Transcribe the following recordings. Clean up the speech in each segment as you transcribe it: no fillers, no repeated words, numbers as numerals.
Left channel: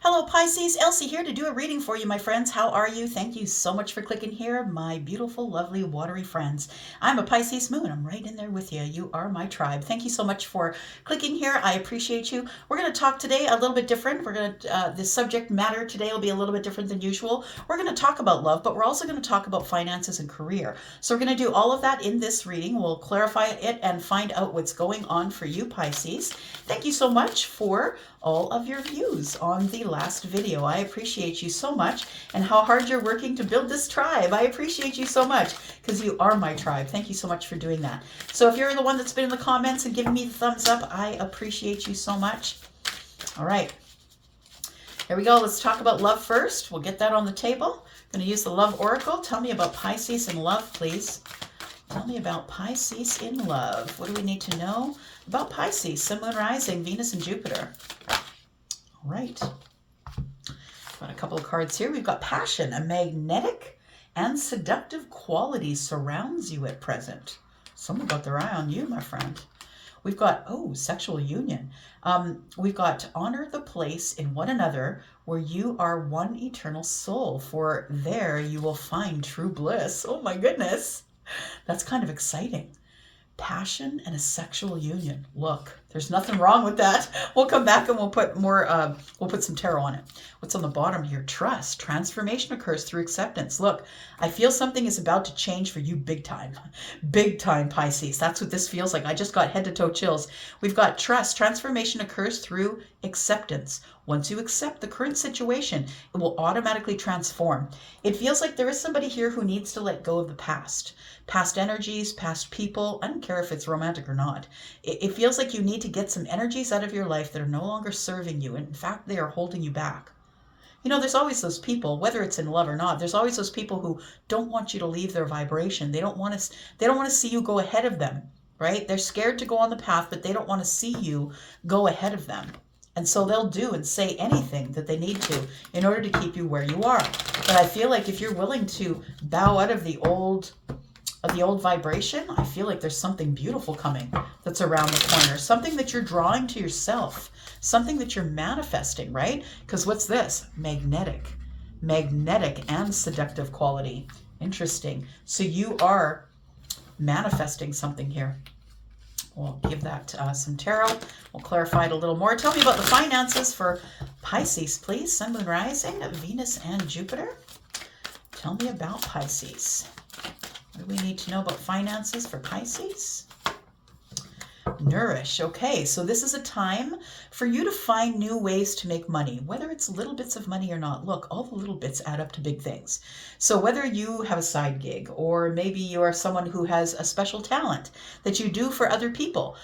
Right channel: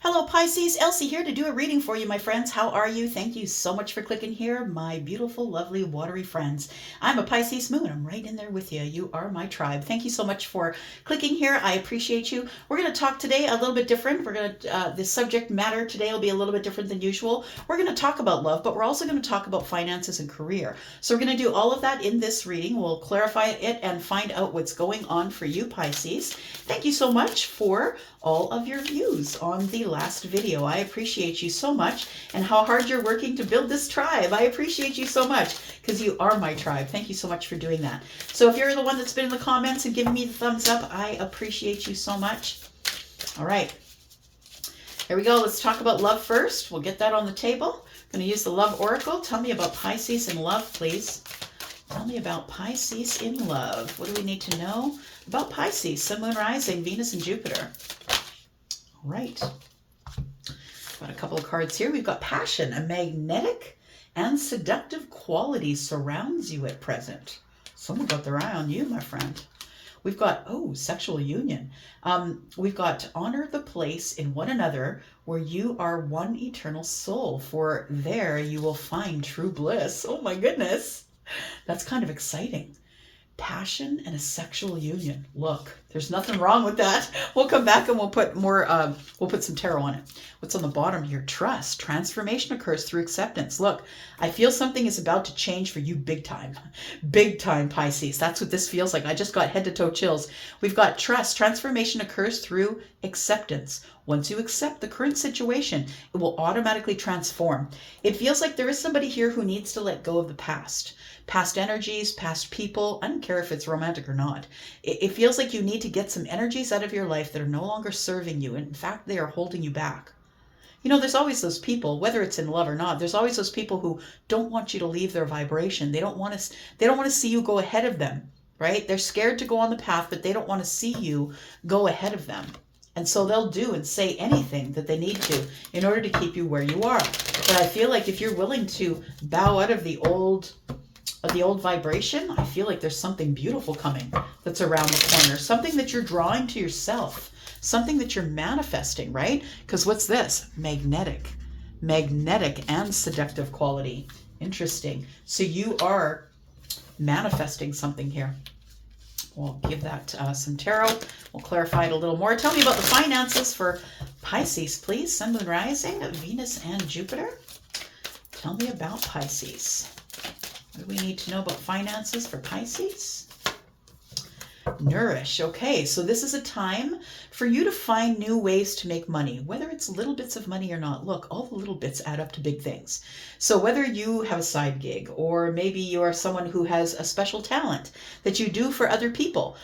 Hello Pisces, Elsie here to do a reading for you, my friends. How are you? Thank you so much for clicking here, my beautiful, lovely, watery friends. I'm a Pisces moon. I'm right in there with you. You are my tribe. Thank you so much for clicking here. I appreciate you. We're going to talk today a little bit different. The subject matter today will be a little bit different than usual. We're going to talk about love, but we're also going to talk about finances and career. So we're going to do all of that in this reading. We'll clarify it and find out what's going on for you, Pisces. Thank you so much for all of your views on the last video. I appreciate you so much, and how hard you're working to build this tribe. I appreciate you so much because you are my tribe. Thank you so much for doing that. So if you're the one that's been in the comments and giving me the thumbs up, I appreciate you so much. All right, here we go. Let's talk about love first. We'll get that on the table. I'm going to use the love oracle. Tell me about Pisces in love, please. Tell me about Pisces in love. What do we need to know about Pisces, Sun, Moon, Rising, Venus, and Jupiter? All right. Got a couple of cards here. We've got passion. A magnetic and seductive quality surrounds you at present. Someone got their eye on you, my friend. We've got, sexual union. We've got honor the place in one another where you are one eternal soul, for there you will find true bliss. Oh my goodness. That's kind of exciting. Passion and a sexual union. Look, there's nothing wrong with that. We'll come back and we'll put more, we'll put some tarot on it. What's on the bottom here? Trust. Transformation occurs through acceptance. Look, I feel something is about to change for you big time. Big time, Pisces. That's what this feels like. I just got head to toe chills. We've got trust. Transformation occurs through acceptance. Once you accept the current situation, it will automatically transform. It feels like there is somebody here who needs to let go of the past. Past energies, past people. I don't care if it's romantic or not. It feels like you need to get some energies out of your life that are no longer serving you. And in fact, they are holding you back. You know, there's always those people, whether it's in love or not, there's always those people who don't want you to leave their vibration. They don't want to see you go ahead of them, right? They're scared to go on the path, but they don't want to see you go ahead of them. And so they'll do and say anything that they need to in order to keep you where you are. But I feel like if you're willing to bow out of the old vibration, I feel like there's something beautiful coming that's around the corner, something that you're drawing to yourself, something that you're manifesting, right? Because what's this? Magnetic and seductive quality. Interesting. So you are manifesting something here. We'll give that some tarot. We'll clarify it a little more. Tell me about the finances for Pisces, please. Sun, Moon, Rising, Venus, and Jupiter. Tell me about Pisces. What do we need to know about finances for Pisces? Nourish. Okay, so this is a time for you to find new ways to make money, whether it's little bits of money or not. Look, all the little bits add up to big things. So whether you have a side gig, or maybe you are someone who has a special talent that you do for other people,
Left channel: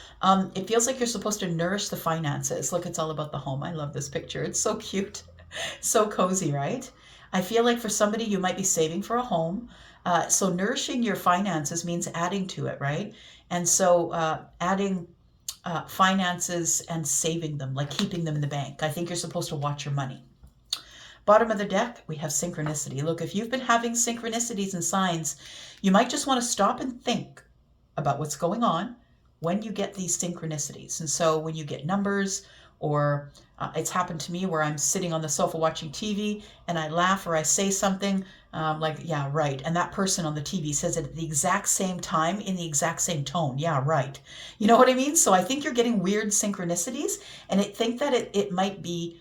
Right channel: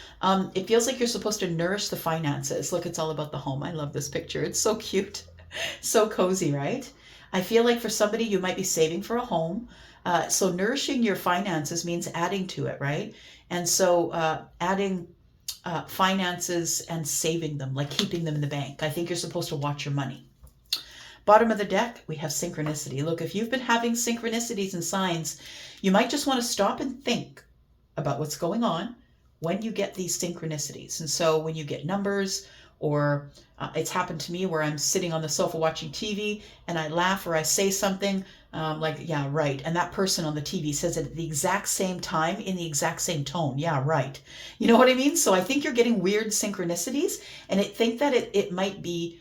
it feels like you're supposed to nourish the finances. Look, it's all about the home. I love this picture. It's so cute. So cozy, right? I feel like for somebody, you might be saving for a home. So nourishing your finances means adding to it, right? And so adding finances and saving them, like keeping them in the bank. I think you're supposed to watch your money. Bottom of the deck, we have synchronicity. Look, if you've been having synchronicities and signs, you might just want to stop and think about what's going on when you get these synchronicities. And so when you get numbers, or it's happened to me where I'm sitting on the sofa watching TV and I laugh or I say something like, yeah, right. And that person on the TV says it at the exact same time in the exact same tone. Yeah, right. You know what I mean? So I think you're getting weird synchronicities, and I think that it might be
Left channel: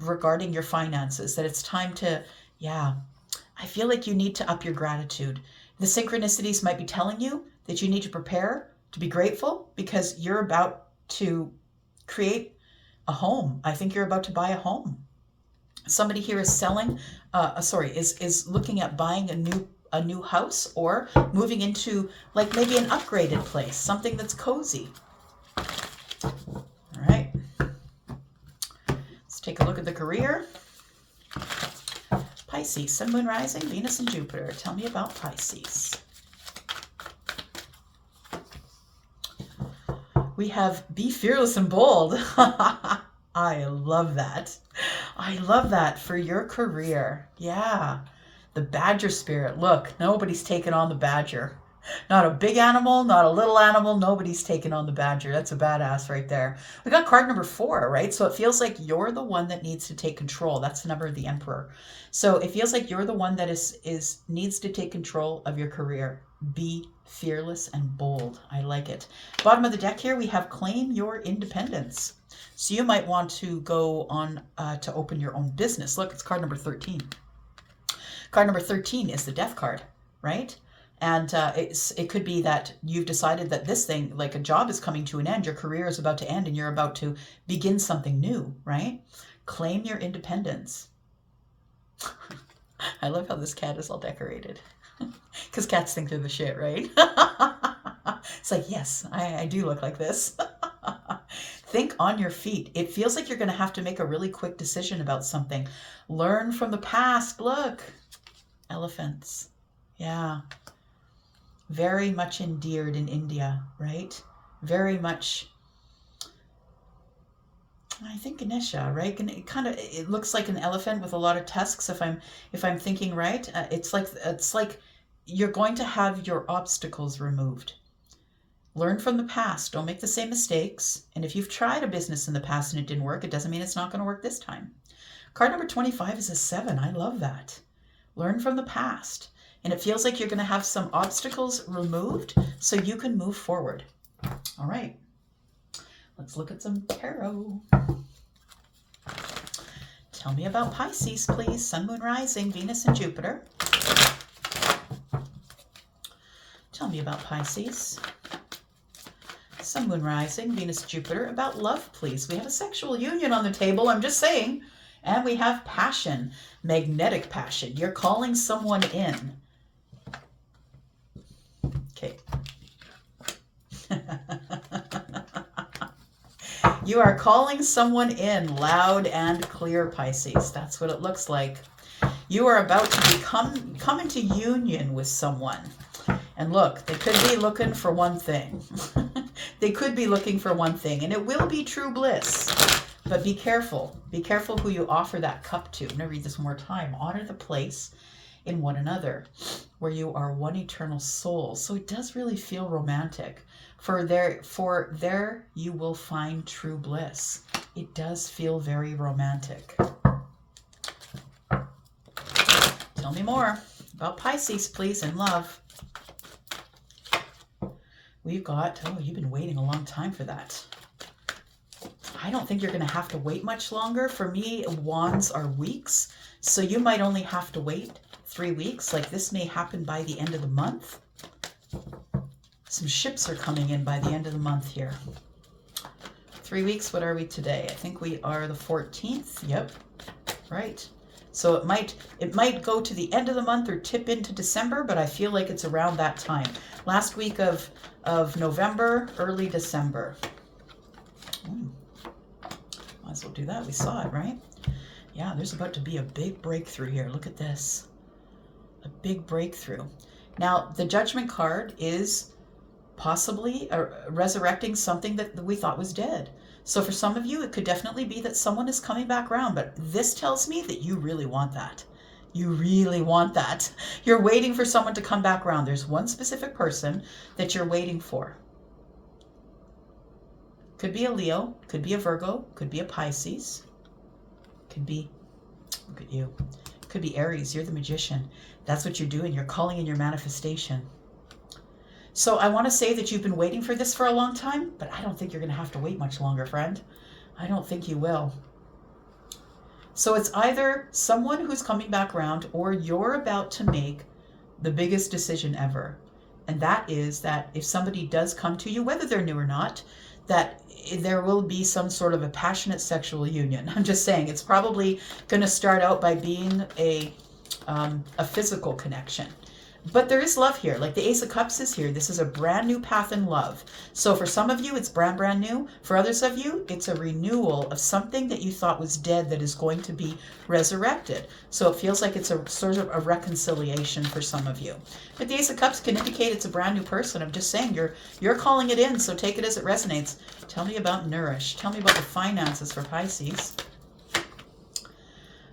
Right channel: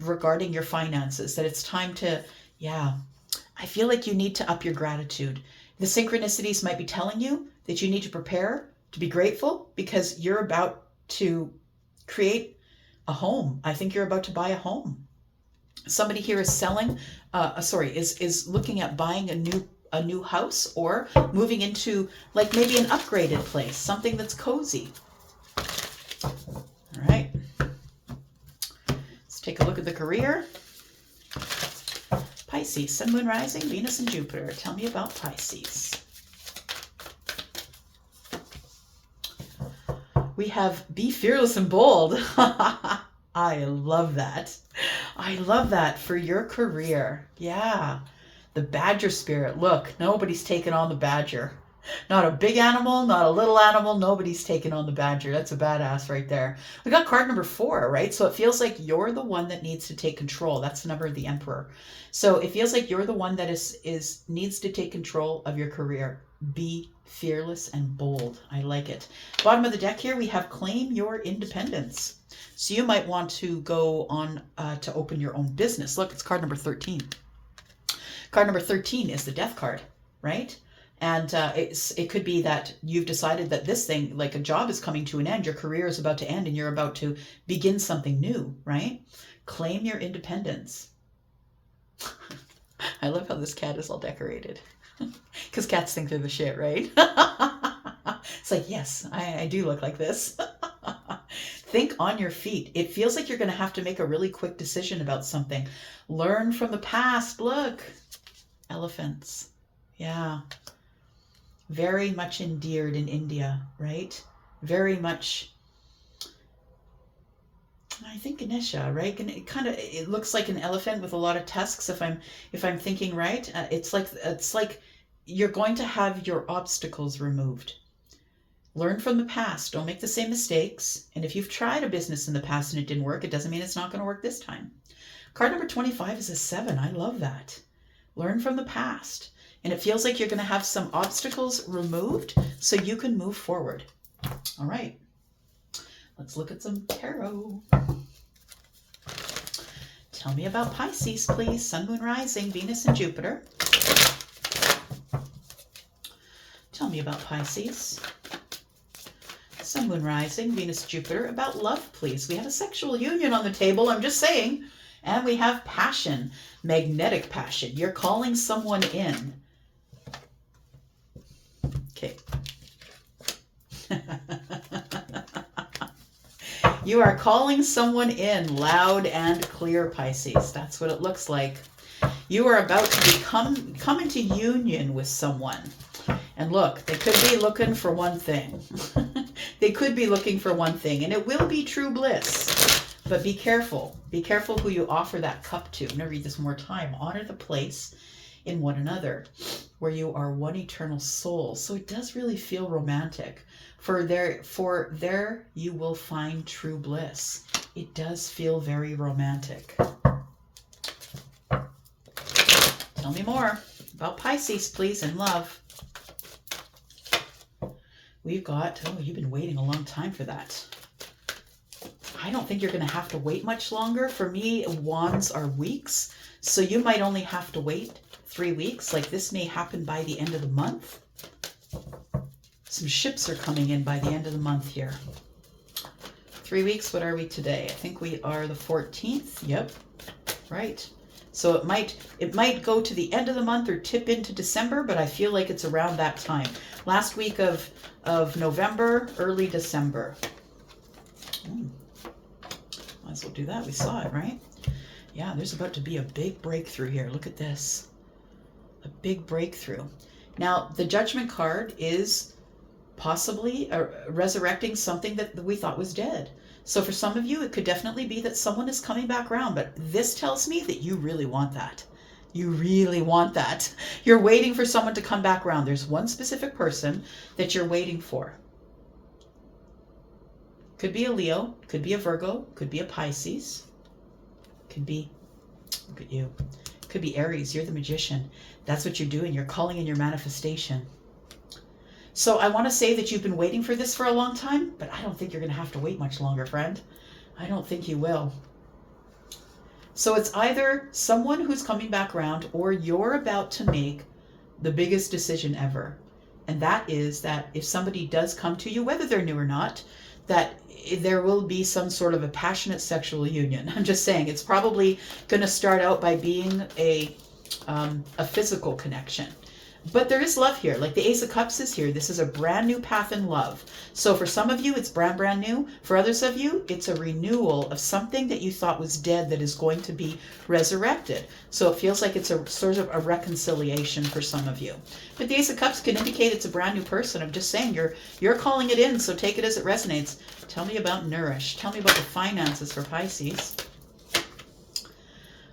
regarding your finances, that it's time to, I feel like you need to up your gratitude. The synchronicities might be telling you that you need to prepare to be grateful because you're about to create a home. I think you're about to buy a home. Somebody here is selling, is looking at buying a new house, or moving into like maybe an upgraded place, something that's cozy. All right. Let's take a look at the career. Pisces, Sun, Moon, Rising, Venus, and Jupiter. Tell me about Pisces. We have be fearless and bold. I love that. I love that for your career. Yeah. The badger spirit. Look, nobody's taken on the badger. Not a big animal, not a little animal. Nobody's taking on the badger. That's a badass right there. We got card number 4, right? So it feels like you're the one that needs to take control. That's the number of the Emperor. So it feels like you're the one that needs to take control of your career. Be fearless and bold. I like it. Bottom of the deck here, we have claim your independence. So you might want to go on to open your own business. Look, it's card number 13. Card number 13 is the death card, right? And it could be that you've decided that this thing, like a job is coming to an end, your career is about to end, and you're about to begin something new, right? Claim your independence. I love how this cat is all decorated. Because cats think they're the shit, right? It's like, yes, I do look like this. Think on your feet. It feels like you're going to have to make a really quick decision about something. Learn from the past. Look. Elephants. Yeah. Very much endeared in India, right? Very much, I think Ganesha, right? It looks like an elephant with a lot of tusks. If I'm thinking right, it's like you're going to have your obstacles removed. Learn from the past. Don't make the same mistakes. And if you've tried a business in the past and it didn't work, it doesn't mean it's not going to work this time. Card number 25 is a 7. I love that. Learn from the past. And it feels like you're going to have some obstacles removed so you can move forward. All right. Let's look at some tarot. Tell me about Pisces, please. Sun, Moon, Rising, Venus, and Jupiter. Tell me about Pisces. Sun, Moon, Rising, Venus, Jupiter. About love, please. We have a sexual union on the table, I'm just saying. And we have passion, magnetic passion. You're calling someone in. Okay. You are calling someone in loud and clear, Pisces. That's what it looks like. You are about to come into union with someone. And look, they could be looking for one thing. They could be looking for one thing, and it will be true bliss. But be careful. Be careful who you offer that cup to. I'm going to read this one more time. Honor the place in one another, where you are one eternal soul. So it does really feel romantic. For there you will find true bliss. It does feel very romantic. Tell me more about Pisces, please, and love. We've got, oh, you've been waiting a long time for that. I don't think you're going to have to wait much longer. For me, wands are weeks, so you might only have to wait 3 weeks. Like this may happen by the end of the month. Some ships are coming in by the end of the month here. 3 weeks, what are we today? I think we are the 14th. Yep, right. So it might go to the end of the month or tip into December, but I feel like it's around that time. Last week of November, early December. Might as well do that. We saw it, right? Yeah, there's about to be a big breakthrough here. Look at this. A big breakthrough. Now, the Judgment card is possibly resurrecting something that we thought was dead. So for some of you, it could definitely be that someone is coming back around, but this tells me that you really want that. You really want that. You're waiting for someone to come back around. There's one specific person that you're waiting for. Could be a Leo, could be a Virgo, could be a Pisces, could be, look at you, could be Aries. You're the magician. That's what you're doing. You're calling in your manifestation. So I want to say that you've been waiting for this for a long time, but I don't think you're going to have to wait much longer, friend. I don't think you will. So it's either someone who's coming back around or you're about to make the biggest decision ever. And that is that if somebody does come to you, whether they're new or not, that there will be some sort of a passionate sexual union. I'm just saying it's probably going to start out by being a physical connection. But there is love here. Like the Ace of Cups is here. This is a brand new path in love. So for some of you, it's brand new. For others of you, it's a renewal of something that you thought was dead that is going to be resurrected. So it feels like it's a sort of a reconciliation for some of you. But the Ace of Cups can indicate it's a brand new person. I'm just saying you're calling it in, so take it as it resonates. Tell me about Nourish. Tell me about the finances for Pisces.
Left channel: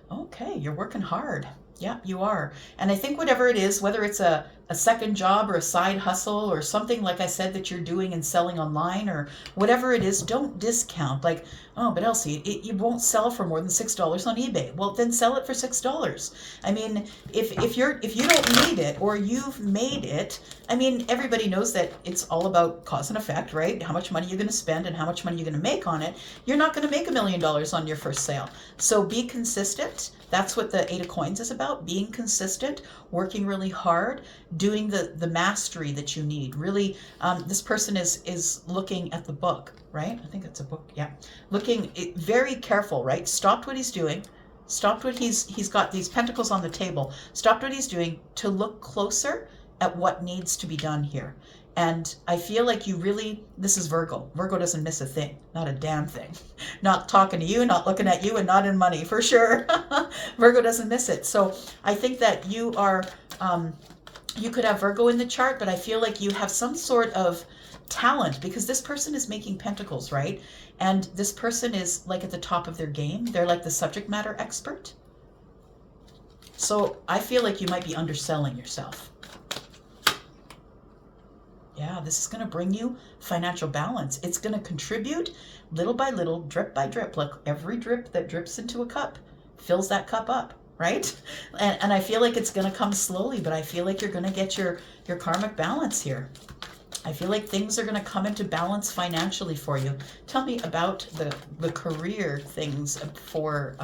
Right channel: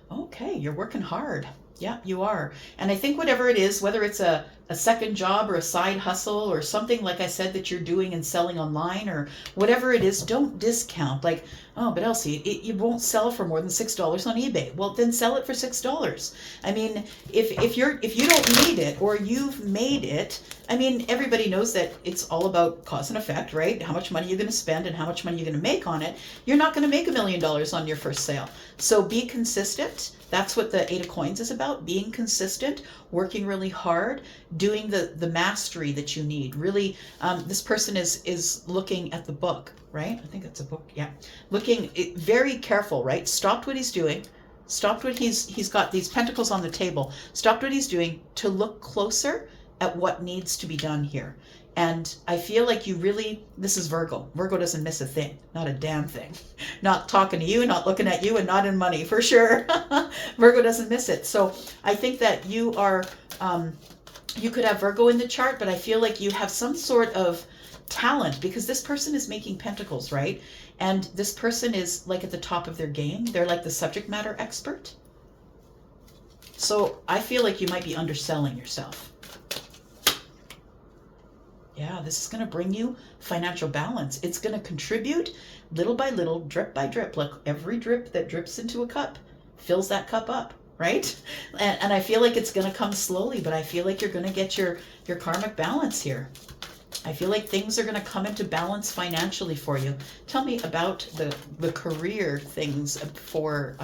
Okay, you're working hard. Yeah, you are. And I think whatever it is, whether it's a a second job or a side hustle or something, like I said, that you're doing and selling online or whatever it is, don't discount. Like, oh, but Elsie, it won't sell for more than $6 on eBay. Well, then sell it for $6. I mean, if you don't need it or you've made it, I mean, everybody knows that it's all about cause and effect, right? How much money you're going to spend and how much money you're going to make on it. You're not going to make $1 million on your first sale. So be consistent. That's what the 8 of Coins is about, being consistent, working really hard, doing the mastery that you need. Really, this person is looking at the book, right? I think it's a book, yeah. Looking very careful, right? Stopped what he's doing, stopped what he's got these pentacles on the table, stopped what he's doing to look closer at what needs to be done here. And I feel like you really, this is Virgo. Virgo doesn't miss a thing, not a damn thing. Not talking to you, not looking at you, and not in money, for sure. Virgo doesn't miss it. So I think that you are, you could have Virgo in the chart, but I feel like you have some sort of talent because this person is making pentacles, right? And this person is like at the top of their game. They're like the subject matter expert. So I feel like you might be underselling yourself. Yeah, this is going to bring you financial balance. It's going to contribute little by little, drip by drip. Like every drip that drips into a cup fills that cup up, right? And I feel like it's going to come slowly, but I feel like you're going to get your karmic balance here. I feel like things are going to come into balance financially for you. Tell me about the career things for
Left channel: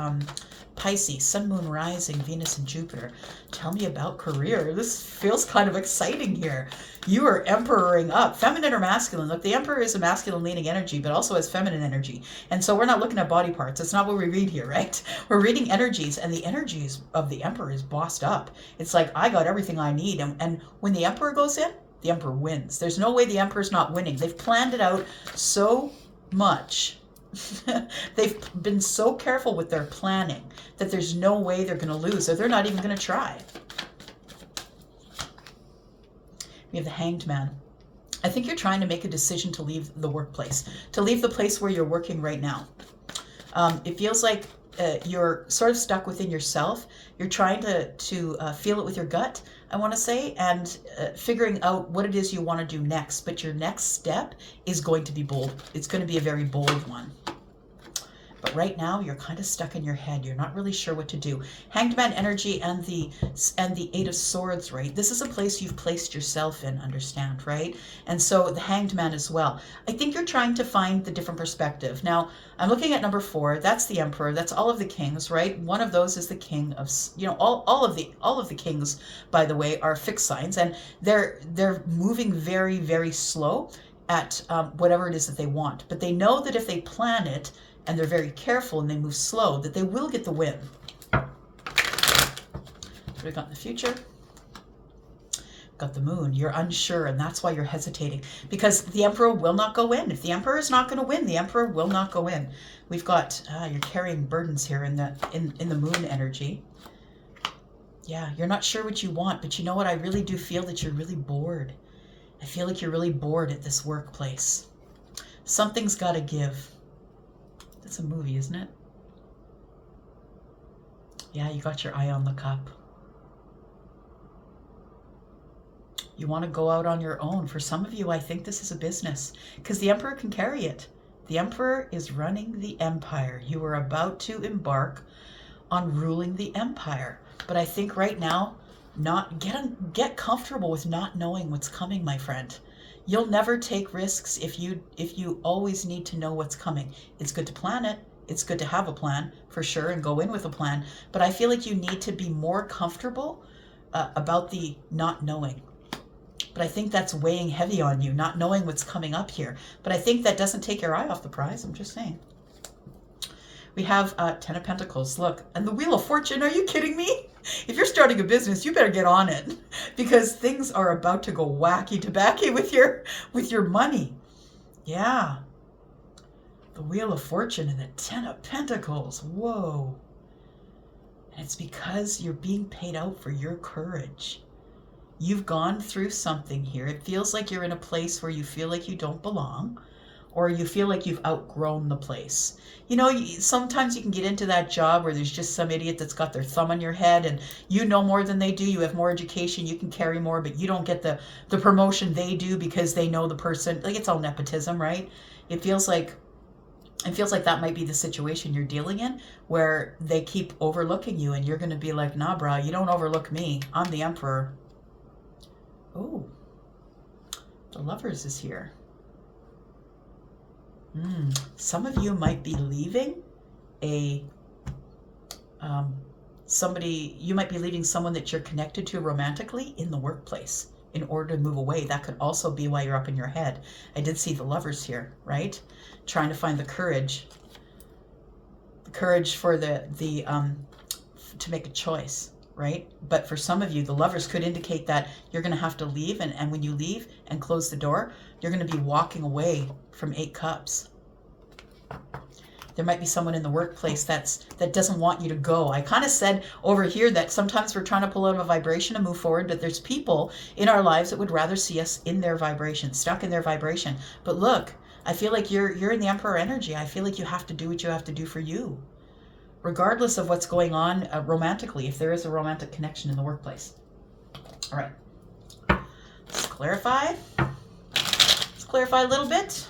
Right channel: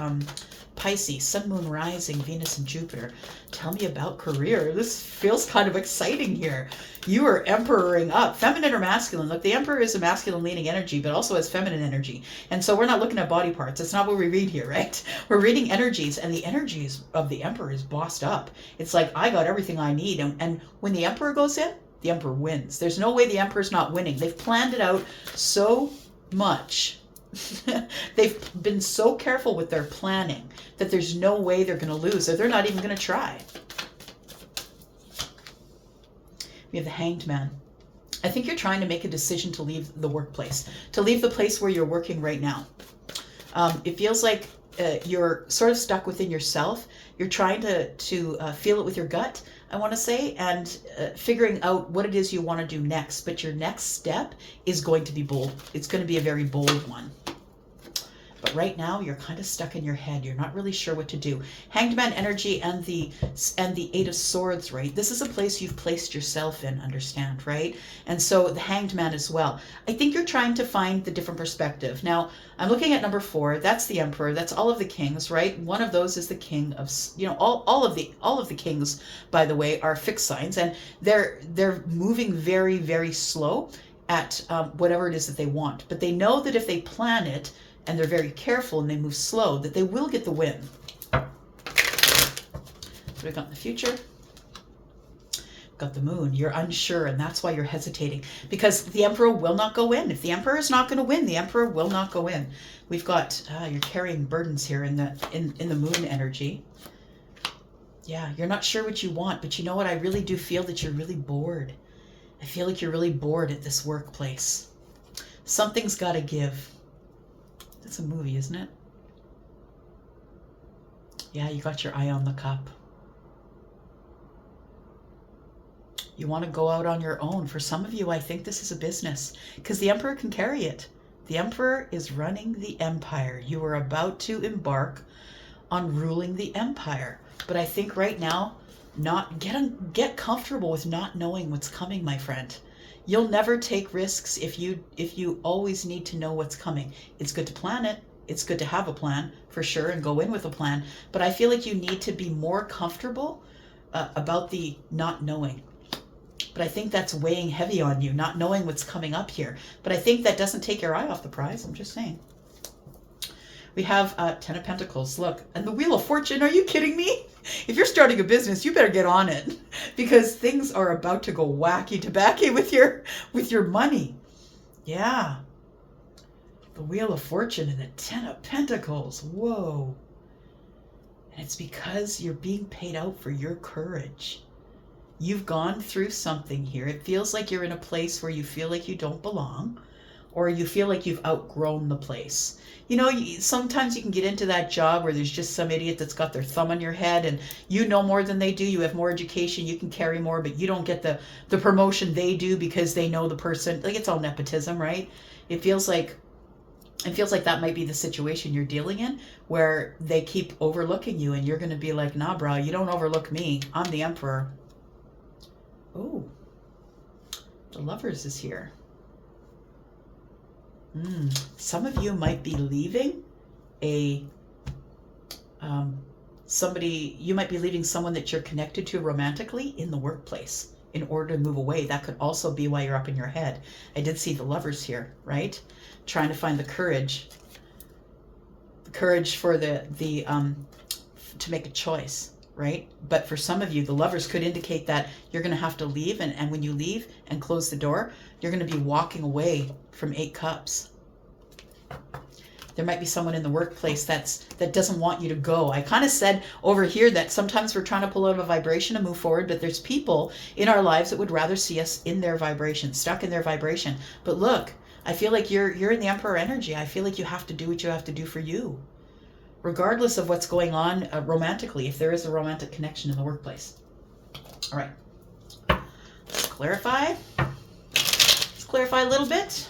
Pisces, Sun, Moon, Rising, Venus, and Jupiter. Tell me about career. This feels kind of exciting here. You are emperoring up. Feminine or masculine? Look, the Emperor is a masculine leaning energy, but also has feminine energy. And so we're not looking at body parts. That's not what we read here, right? We're reading energies, and the energies of the Emperor is bossed up. It's like, I got everything I need. And when the Emperor goes in, the Emperor wins. There's no way the Emperor's not winning. They've planned it out so much. They've been so careful with their planning that there's no way they're going to lose, or they're not even going to try. We have the Hanged Man. I think you're trying to make a decision to leave the workplace, to leave the place where you're working right now. It feels like you're sort of stuck within yourself. You're trying to feel it with your gut, I want to say, and figuring out what it is you want to do next. But your next step is going to be bold. It's going to be a very bold one. But right now, you're kind of stuck in your head. You're not really sure what to do. Hanged Man energy and the 8 of Swords, right? This is a place you've placed yourself in, understand, right? And so the Hanged Man as well. I think you're trying to find the different perspective. Now, I'm looking at number 4. That's the Emperor. That's all of the kings, right? One of those is the king of, you know, all of the kings, by the way, are fixed signs, and they're moving very, very slow at whatever it is that they want. But they know that if they plan it, and they're very careful and they move slow, that they will get the win. What do we got in the future? Got the Moon. You're unsure, and that's why you're hesitating, because the Emperor will not go in. If the Emperor is not going to win, the Emperor will not go in. We've got you're carrying burdens here in the Moon energy. Yeah, you're not sure what you want, but you know what? I really do feel that you're really bored. I feel like you're really bored at this workplace. Something's got to give. It's a movie, isn't it? Yeah, you got your eye on the cup. You want to go out on your own. For some of you, I think this is a business, because the Emperor can carry it. The Emperor is running the empire. You are about to embark on ruling the empire. But I think right now, get comfortable with not knowing what's coming, my friend. You'll never take risks if you always need to know what's coming. It's good to plan it. It's good to have a plan, for sure, and go in with a plan. But I feel like you need to be more comfortable about the not knowing. But I think that's weighing heavy on you, not knowing what's coming up here. But I think that doesn't take your eye off the prize. I'm just saying. We have 10 of Pentacles. Look, and the Wheel of Fortune. Are you kidding me? If you're starting a business, you better get on it, because things are about to go wacky tobacco with your money. Yeah. The Wheel of Fortune and the 10 of Pentacles. Whoa. And it's because you're being paid out for your courage. You've gone through something here. It feels like you're in a place where you feel like you don't belong, or you feel like you've outgrown the place. You know, sometimes you can get into that job where there's just some idiot that's got their thumb on your head, and you know more than they do. You have more education, you can carry more, but you don't get the promotion they do because they know the person. Like, it's all nepotism, right? It feels like that might be the situation you're dealing in, where they keep overlooking you, and you're going to be like, nah, bro, you don't overlook me. I'm the emperor. Oh, the Lovers is here. Some of you might be leaving you might be leaving someone that you're connected to romantically in the workplace in order to move away. That could also be why you're up in your head. I did see the Lovers here, right? Trying to find the courage for to make a choice, right? But for some of you, the Lovers could indicate that you're going to have to leave, and when you leave and close the door, you're going to be walking away from 8 Cups. There might be someone in the workplace that doesn't want you to go. I kind of said over here that sometimes we're trying to pull out of a vibration and move forward, but there's people in our lives that would rather see us in their vibration, stuck in their vibration. But look, I feel like you're in the Emperor energy. I feel like you have to do what you have to do for you, regardless of what's going on romantically, if there is a romantic connection in the workplace. All right. Let's clarify. Let's clarify a little bit.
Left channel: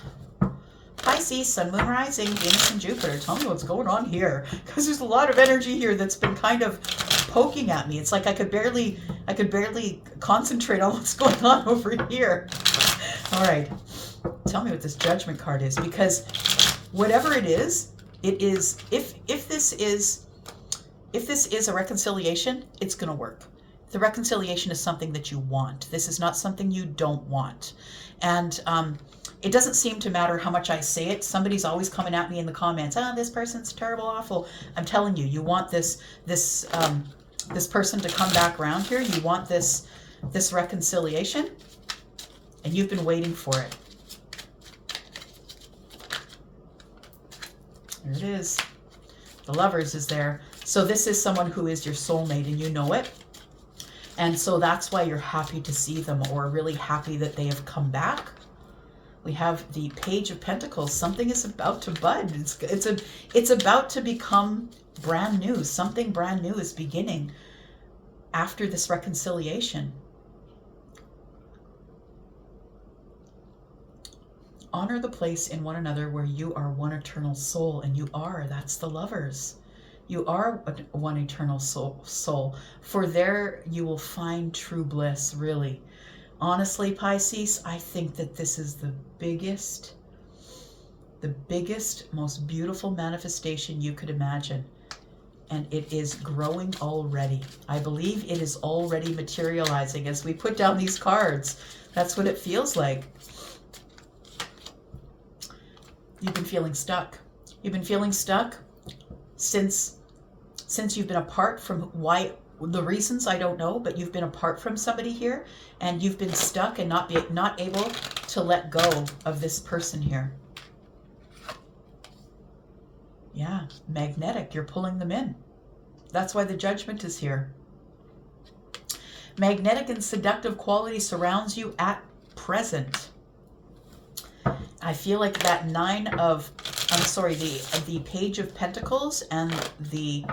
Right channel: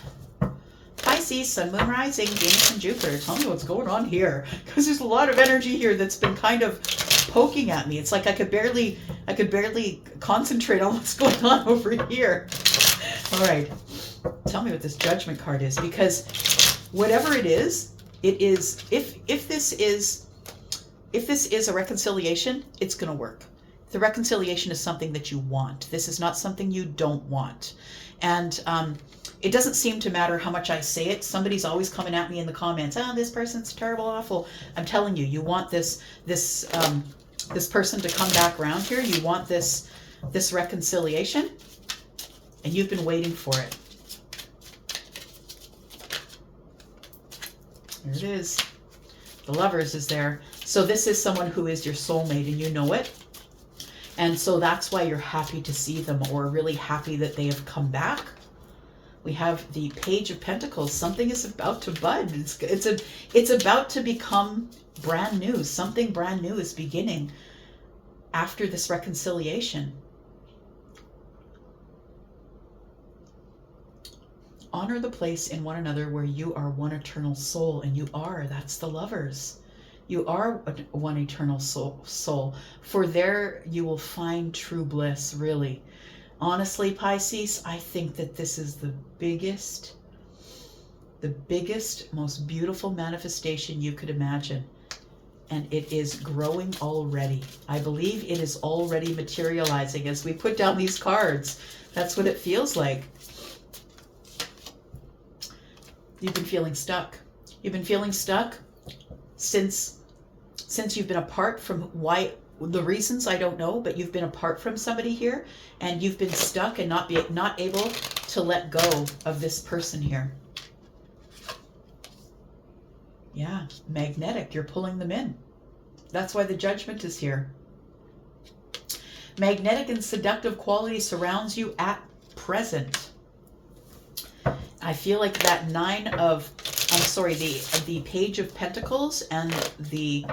Pisces, Sun, Moon, Rising, Venus, and Jupiter. Tell me what's going on here, because there's a lot of energy here that's been kind of poking at me. It's like I could barely concentrate on what's going on over here. All right, tell me what this Judgment card is, because whatever it is, if this is a reconciliation, it's going to work. The reconciliation is something that you want. This is not something you don't want, and it doesn't seem to matter how much I say it. Somebody's always coming at me in the comments. Oh, this person's terrible, awful. I'm telling you, you want this person to come back around here. You want this reconciliation, and you've been waiting for it. There it is. The Lovers is there. So this is someone who is your soulmate, and you know it. And so that's why you're happy to see them, or really happy that they have come back. We have the Page of Pentacles. Something is about to bud. It's about to become brand new. Something brand new is beginning after this reconciliation. Honor the place in one another where you are one eternal soul, and you are. That's the Lovers. You are one eternal soul. For there you will find true bliss, really. Honestly, Pisces, I think that this is the biggest, most beautiful manifestation you could imagine. And it is growing already. I believe it is already materializing as we put down these cards. That's what it feels like. You've been feeling stuck. You've been feeling stuck since you've been apart from the reasons I don't know, but you've been apart from somebody here, and you've been stuck and not able to let go of this person here. Yeah, magnetic. You're pulling them in. That's why the Judgment is here. Magnetic and seductive quality surrounds you at present. I feel like that the Page of Pentacles and the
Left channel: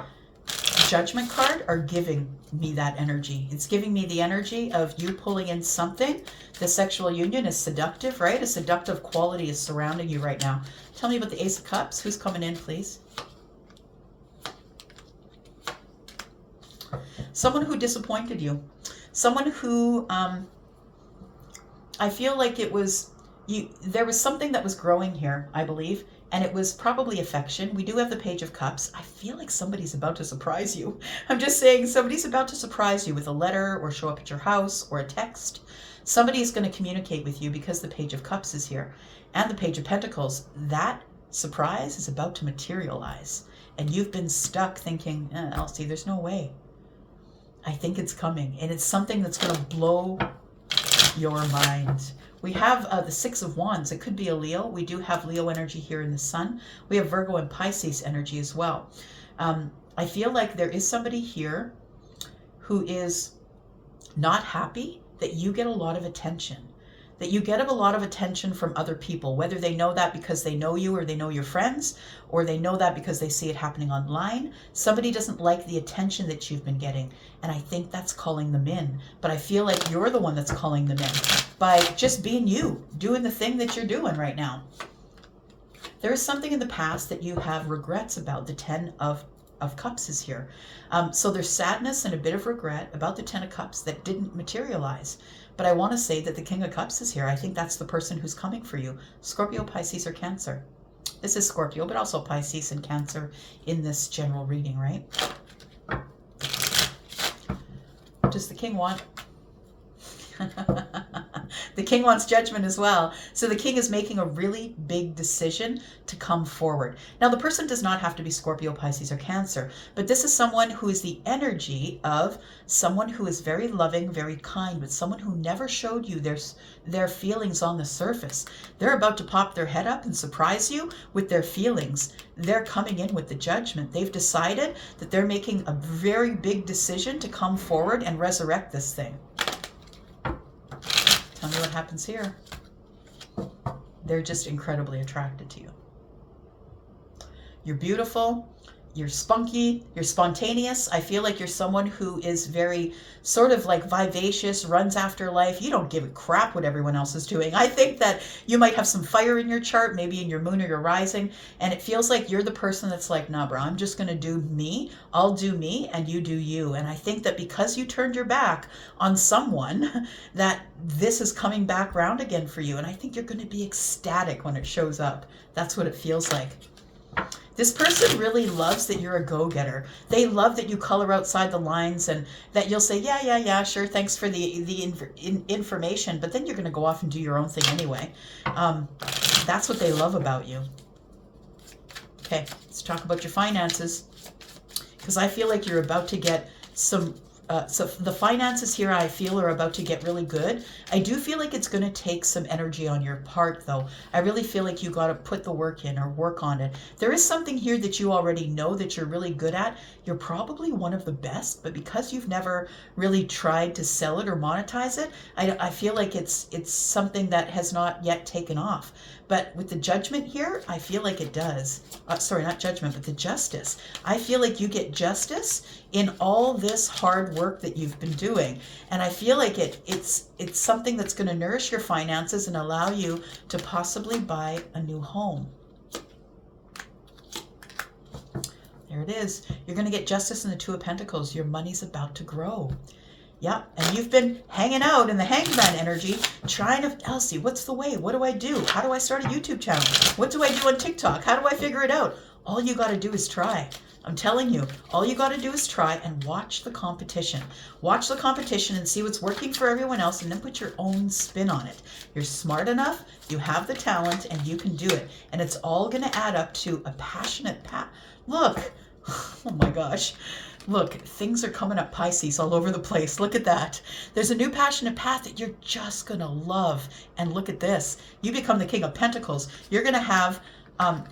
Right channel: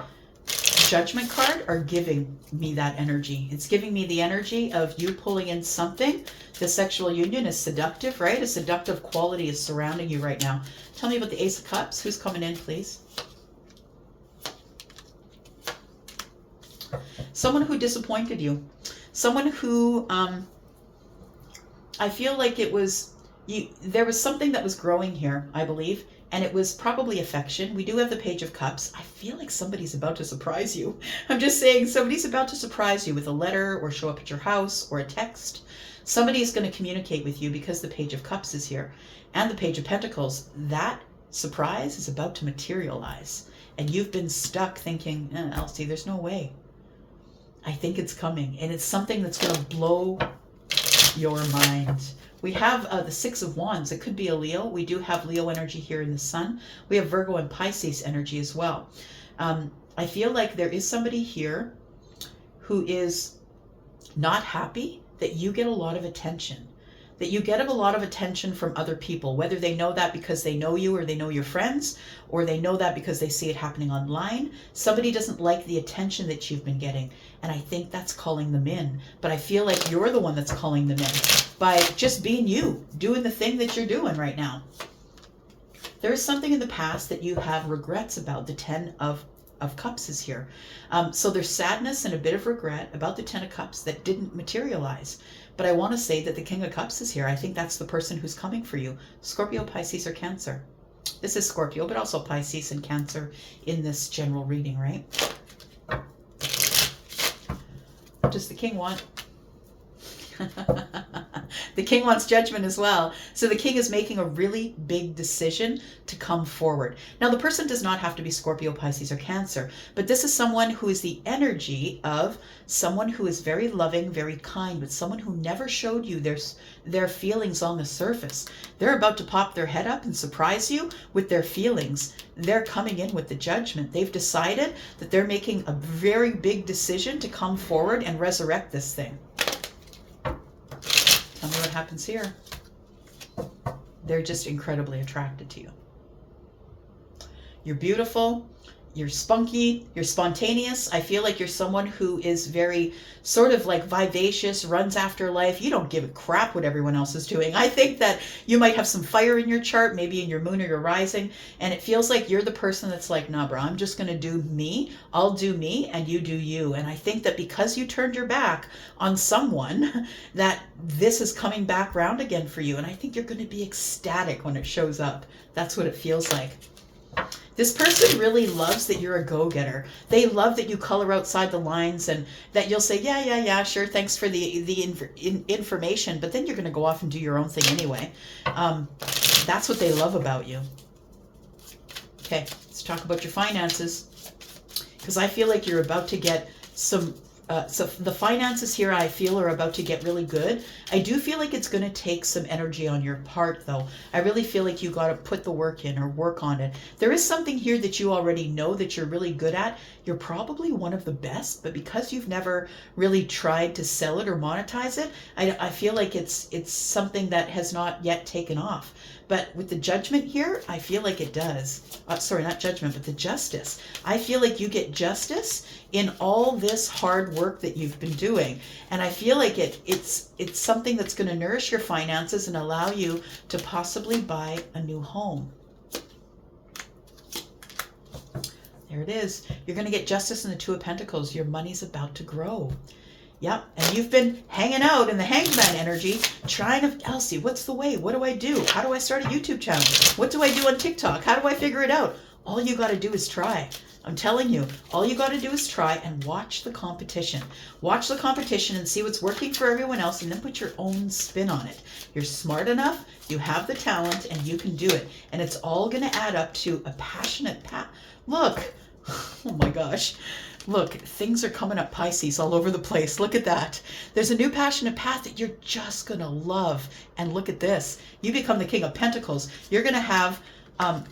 Judgment card are giving me that energy. It's giving me the energy of you pulling in something. The sexual union is seductive, right? A seductive quality is surrounding you right now. Tell me about the Ace of Cups. Who's coming in, please? Someone who disappointed you. Someone who, I feel like there was something that was growing here, I believe. And it was probably affection. We do have the Page of Cups. I feel like somebody's about to surprise you. I'm just saying, somebody's about to surprise you with a letter, or show up at your house, or a text. Somebody is going to communicate with you because the Page of Cups is here. And the Page of Pentacles. That surprise is about to materialize. And you've been stuck thinking, Elsie, there's no way. I think it's coming. And it's something that's going to blow your mind. We have the Six of Wands. It could be a Leo. We do have Leo energy here in the Sun. We have Virgo and Pisces energy as well. I feel like there is somebody here who is not happy that you get a lot of attention. that you get a lot of attention from other people, whether they know that because they know you or they know your friends, or they know that because they see it happening online. Somebody doesn't like the attention that you've been getting, and I think that's calling them in. But I feel like you're the one that's calling them in by just being you, doing the thing that you're doing right now. There is something in the past that you have regrets about. The Ten of Cups is here. So there's sadness and a bit of regret about the Ten of Cups that didn't materialize. But I want to say that the King of Cups is here. I think that's the person who's coming for you. Scorpio, Pisces, or Cancer. This is Scorpio, but also Pisces and Cancer in this general reading, right? What does the King want? The King wants judgment as well. So the King is making a really big decision to come forward. Now, the person does not have to be Scorpio, Pisces, or Cancer, but this is someone who is the energy of someone who is very loving, very kind, but someone who never showed you their feelings on the surface. They're about to pop their head up and surprise you with their feelings. They're coming in with the judgment. They've decided that they're making a very big decision to come forward and resurrect this thing. Tell me what happens here. They're just incredibly attracted to you. You're beautiful. You're spunky. You're spontaneous. I feel like you're someone who is very sort of like vivacious, runs after life. You don't give a crap what everyone else is doing. I think that you might have some fire in your chart, maybe in your moon or your rising, and it feels like you're the person that's like, nah, bro, I'm just going to do me. I'll do me and you do you. And I think that because you turned your back on someone, that this is coming back round again for you. And I think you're going to be ecstatic when it shows up. That's what it feels like. This person really loves that you're a go-getter. They love that you color outside the lines and that you'll say, yeah, sure, thanks for the information, but then you're going to go off and do your own thing anyway. That's what they love about you. Okay, let's talk about your finances, because I feel like you're about to get some... so the finances here, I feel, are about to get really good. I do feel like it's going to take some energy on your part, though. I really feel like you got to put the work in or work on it. There is something here that you already know that you're really good at. You're probably one of the best, but because you've never really tried to sell it or monetize it, I feel like it's something that has not yet taken off. But with the judgment here, I feel like it does. Sorry, not judgment, but the justice. I feel like you get justice in all this hard work that you've been doing. And I feel like it's something that's going to nourish your finances and allow you to possibly buy a new home. There it is. You're going to get justice in the Two of Pentacles. Your money's about to grow. Yeah, and you've been hanging out in the hangman energy, trying to, Elsie, what's the way? What do I do? How do I start a YouTube channel? What do I do on TikTok? How do I figure it out? All you got to do is try. I'm telling you, all you got to do is try and watch the competition. Watch the competition and see what's working for everyone else, and then put your own spin on it. You're smart enough, you have the talent, and you can do it. And it's all going to add up to a passionate path. Look, oh my gosh. Look, things are coming up, Pisces, all over the place. Look at that. There's a new passionate path that you're just going to love. And look at this. You become the King of Pentacles. You're going to have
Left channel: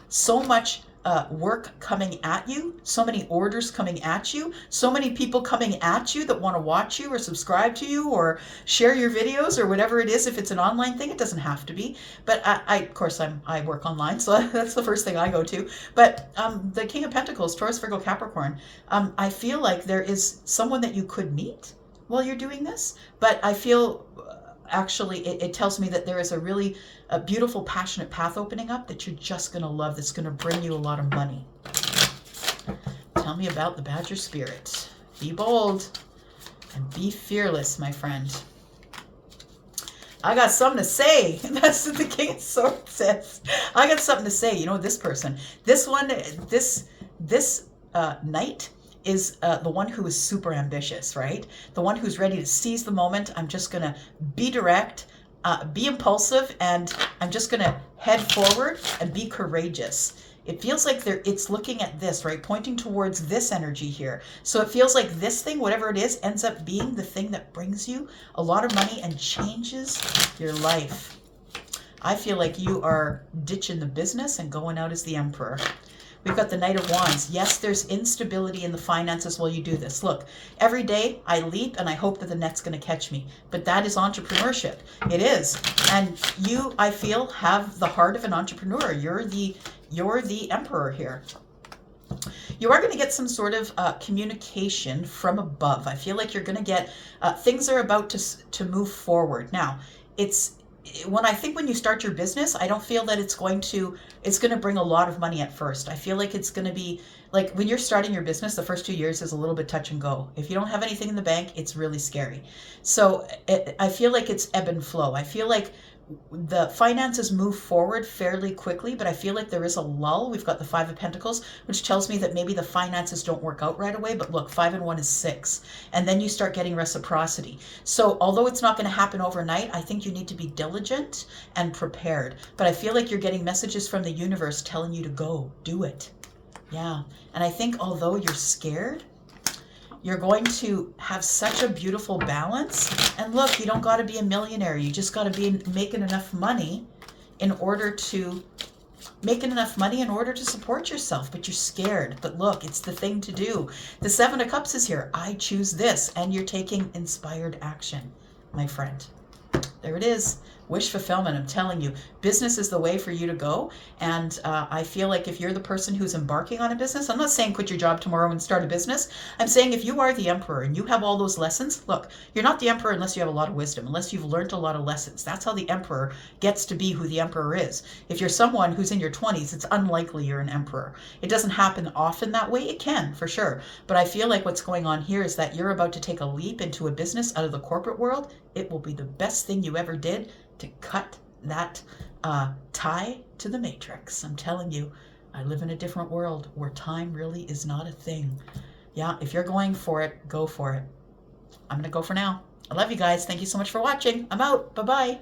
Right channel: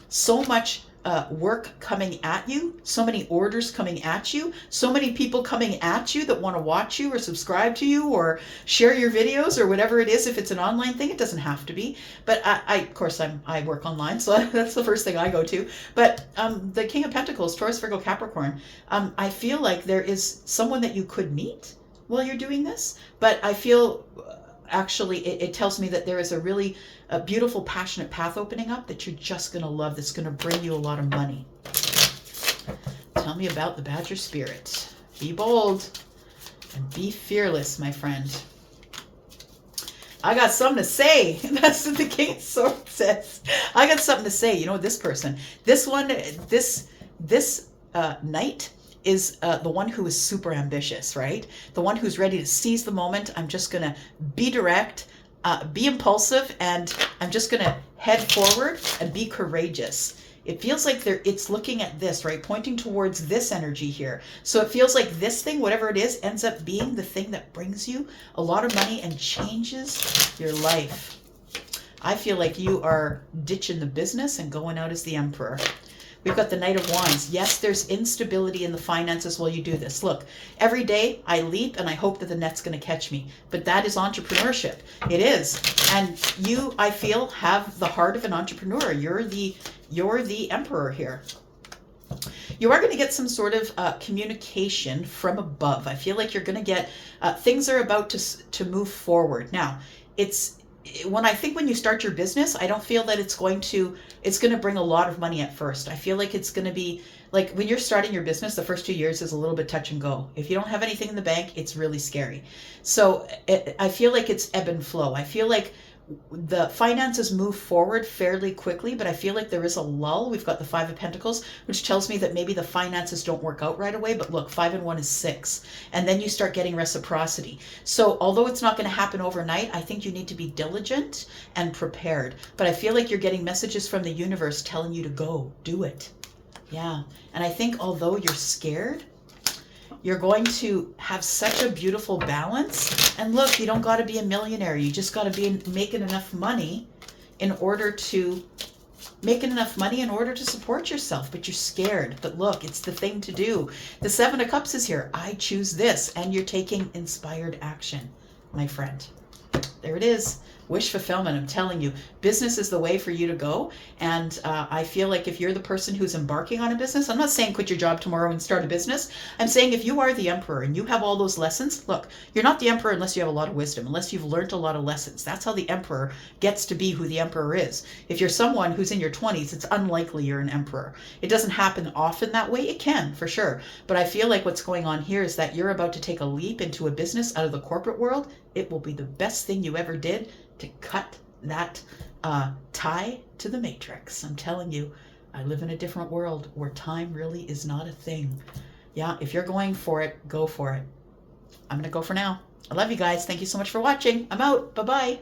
so much work coming at you, so many orders coming at you, so many people coming at you that want to watch you or subscribe to you or share your videos or whatever it is. If it's an online thing, it doesn't have to be. But of course, I work online, so that's the first thing I go to. But the King of Pentacles, Taurus, Virgo, Capricorn, I feel like there is someone that you could meet while you're doing this. But I feel actually it tells me that there is a beautiful, passionate path opening up that you're just going to love, that's going to bring you a lot of money. Tell me about the Badger Spirit. Be bold and be fearless, my friend. I got something to say. That's what the King of Swords says. I got something to say. You know, this person, this one, this knight is the one who is super ambitious, right? The one who's ready to seize the moment. I'm just going to be direct, be impulsive, and I'm just going to head forward and be courageous. It feels like it's looking at this, right? Pointing towards this energy here. So it feels like this thing, whatever it is, ends up being the thing that brings you a lot of money and changes your life. I feel like you are ditching the business and going out as the emperor. We've got the Knight of Wands. Yes, there's instability in the finances while you do this. Look, every day I leap and I hope that the net's going to catch me. But that is entrepreneurship. It is. And you, I feel, have the heart of an entrepreneur. You're the emperor here. You are going to get some sort of communication from above. I feel like you're going to get things are about to move forward. Now, when you start your business, I don't feel that it's going to bring a lot of money at first. I feel like it's going to be like when you're starting your business, the first 2 years is a little bit touch and go. If you don't have anything in the bank, it's really scary. So I feel like it's ebb and flow. I feel like the finances move forward fairly quickly, but I feel like there is a lull. We've got the Five of Pentacles, which tells me that maybe the finances don't work out right away. But look, 5 and 1 is 6. And then you start getting reciprocity. So although it's not going to happen overnight, I think you need to be diligent and prepared. But I feel like you're getting messages from the universe telling you to go, do it. Yeah. And I think although you're scared, you're going to have such a beautiful balance. And look, you don't got to be a millionaire. You just got to be making enough money in order to support yourself. But you're scared. But look, it's the thing to do. The 7 of Cups is here. I choose this. And you're taking inspired action, my friend. There it is. Wish fulfillment. I'm telling you, business is the way for you to go. And I feel like if you're the person who's embarking on a business, I'm not saying quit your job tomorrow and start a business. I'm saying if you are the emperor and you have all those lessons, look, you're not the emperor unless you have a lot of wisdom, unless you've learned a lot of lessons. That's how the emperor gets to be who the emperor is. If you're someone who's in your 20s, it's unlikely you're an emperor. It doesn't happen often that way. It can, for sure. But I feel like what's going on here is that you're about to take a leap into a business out of the corporate world. It will be the best thing you ever did to cut that tie to the matrix. I'm telling you, I live in a different world where time really is not a thing. Yeah, if you're going for it, go for it. I'm going to go for now. I love you guys. Thank you so much for watching. I'm out. Bye-bye.